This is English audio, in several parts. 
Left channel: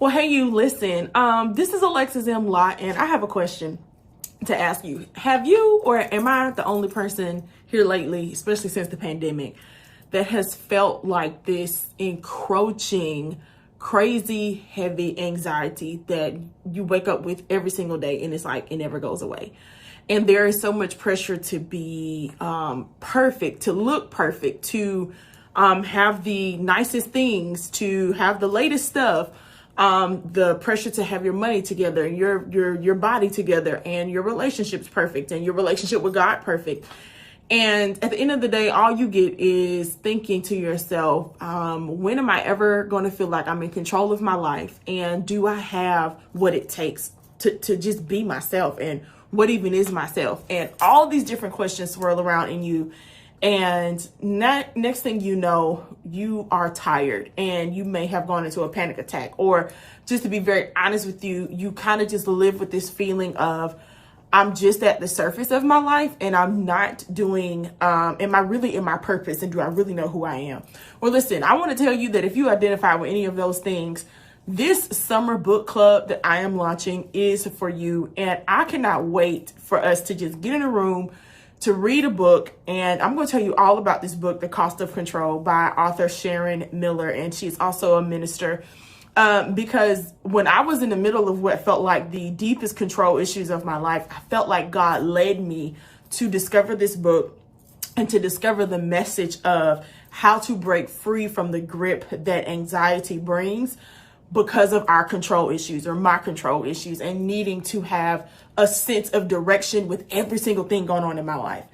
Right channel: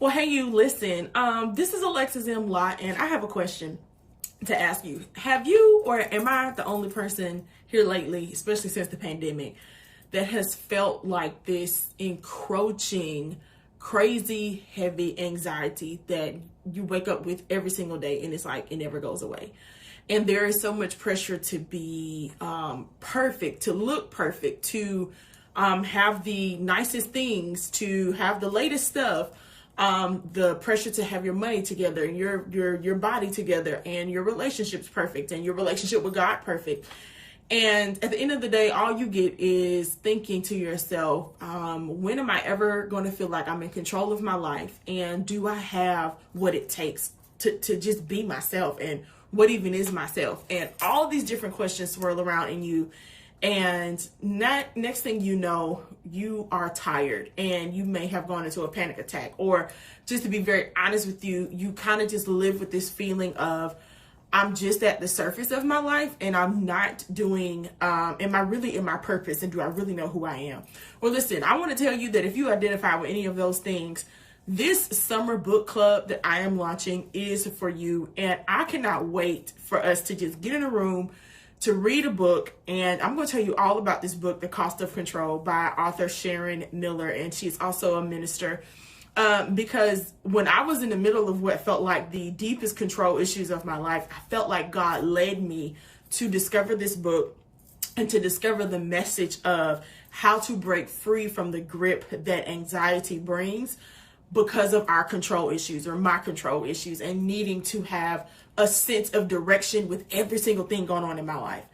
Well, hey, you listen. This is Alexis M. Lott, and I have a question to ask you. Have you, or am I the only person here lately, especially since the pandemic, that has felt like this encroaching, crazy, heavy anxiety that you wake up with every single day, and it's like it never goes away? And there is so much pressure to be perfect, to look perfect, to have the nicest things, to have the latest stuff. The pressure to have your money together and your body together and your relationships perfect and your relationship with God perfect. And at the end of the day, all you get is thinking to yourself, when am I ever going to feel like I'm in control of my life? And do I have what it takes to just be myself? And what even is myself? And all these different questions swirl around in you. And next thing you know, you are tired and you may have gone into a panic attack. Or just to be very honest with you, you kind of just live with this feeling of, I'm just at the surface of my life and I'm not doing, am I really in my purpose? And do I really know who I am? Well, listen, I want to tell you that if you identify with any of those things, this summer book club that I am launching is for you. And I cannot wait for us to just get in a room to read a book. And I'm going to tell you all about this book, The Cost of Control, by author Sharon Miller. And she's also a minister. Because when I was in the middle of what felt like the deepest control issues of my life, I felt like God led me to discover this book and to discover the message of how to break free from the grip that anxiety brings because of our control issues or my control issues, and needing to have a sense of direction with every single thing going on in my life.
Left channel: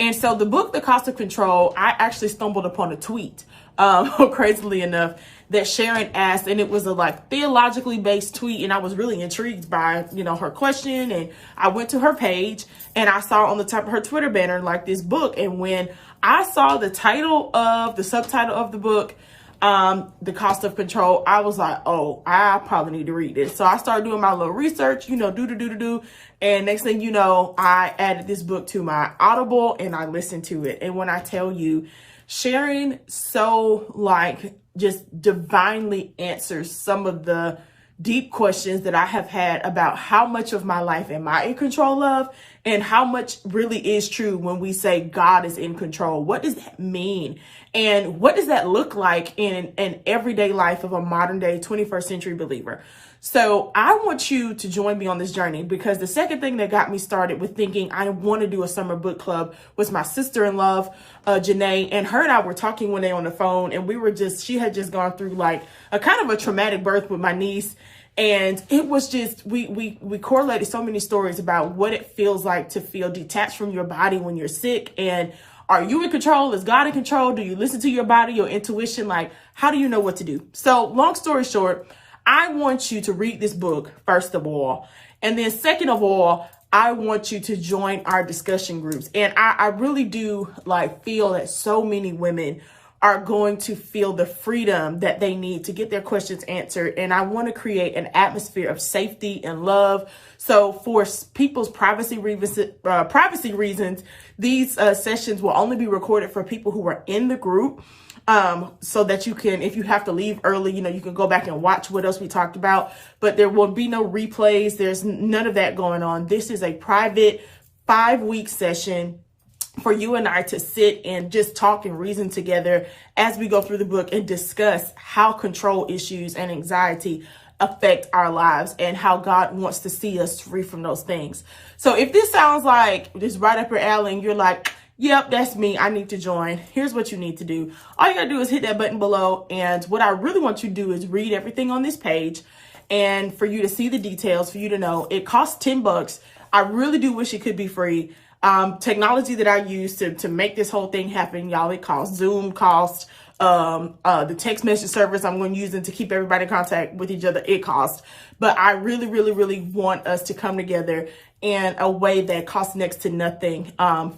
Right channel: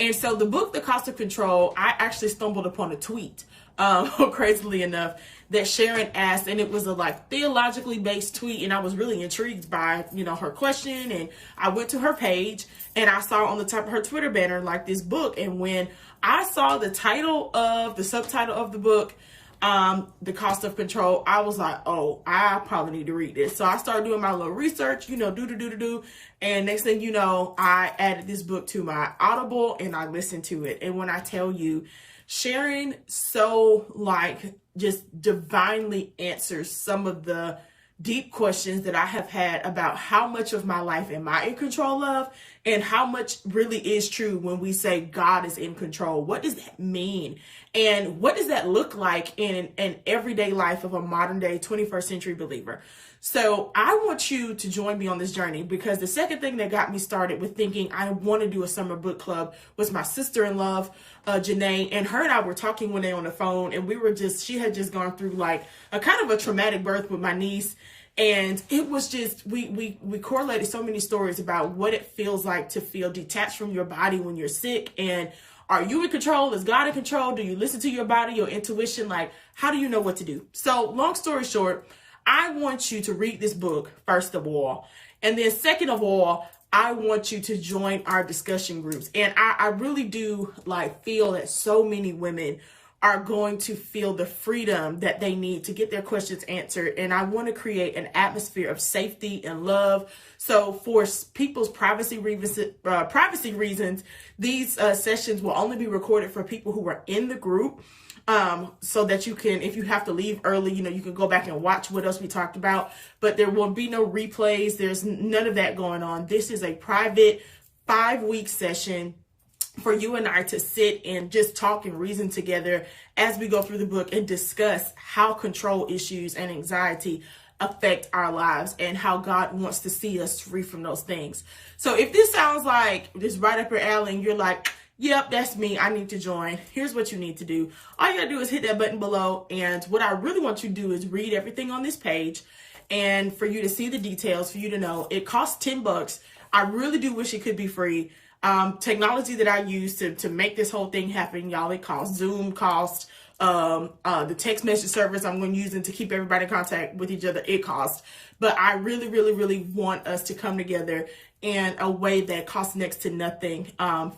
And so the book, The Cost of Control, I actually stumbled upon a tweet, crazily enough, that Sharon asked, and it was a theologically based tweet. And I was really intrigued by, her question. And I went to her page and I saw on the top of her Twitter banner, this book. And when I saw the subtitle of the book, The Cost of Control, I was like, oh, I probably need to read this. So I started doing my little research, do. And next thing you know, I added this book to my Audible and I listened to it. And when I tell you, Sharon just divinely answers some of the deep questions that I have had about how much of my life am I in control of, and how much really is true when we say God is in control. What does that mean? And what does that look like in an everyday life of a modern day 21st century believer? So I want you to join me on this journey, because the second thing that got me started with thinking I want to do a summer book club was my sister-in-law, Janae, and her and I were talking one day on the phone, and she had just gone through a kind of a traumatic birth with my niece. And it was just, we correlated so many stories about what it feels like to feel detached from your body when you're sick. And are you in control? Is God in control? Do you listen to your body, your intuition? How do you know what to do? So long story short, I want you to read this book, first of all. And then second of all, I want you to join our discussion groups. And I really do feel that so many women are going to feel the freedom that they need to get their questions answered. And I want to create an atmosphere of safety and love. So for people's privacy reasons, these sessions will only be recorded for people who are in the group. So that you can, if you have to leave early, you can go back and watch what else we talked about, but there will be no replays. There's none of that going on. This is a private 5-week session for you and I to sit and just talk and reason together as we go through the book and discuss how control issues and anxiety affect our lives and how God wants to see us free from those things. So if this sounds like this right up your alley and you're like, yep, that's me, I need to join, here's what you need to do. All you gotta do is hit that button below. And what I really want you to do is read everything on this page, and for you to see the details, for you to know it costs $10. I really do wish it could be free. Technology that I use to make this whole thing happen, y'all, it costs. Zoom costs, the text message service I'm going to use to keep everybody in contact with each other, it costs. But I really, really, really want us to come together in a way that costs next to nothing,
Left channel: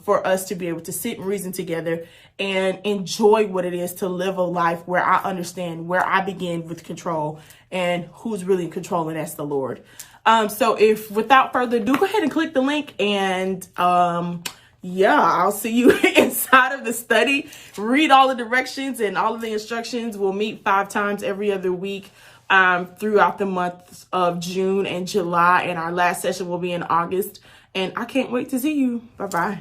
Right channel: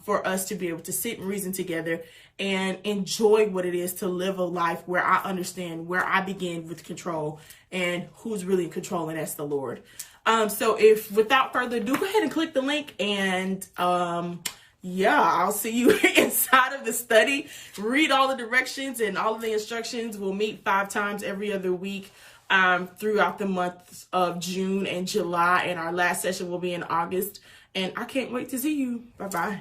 for us to be able to sit and reason together and enjoy what it is to live a life where I understand where I begin with control and who's really in control, and that's the Lord. So if without further ado, go ahead and click the link, and I'll see you inside of the study. Read all the directions and all of the instructions. We'll meet 5 times every other week throughout the months of June and July, and our last session will be in August. And I can't wait to see you. Bye-bye.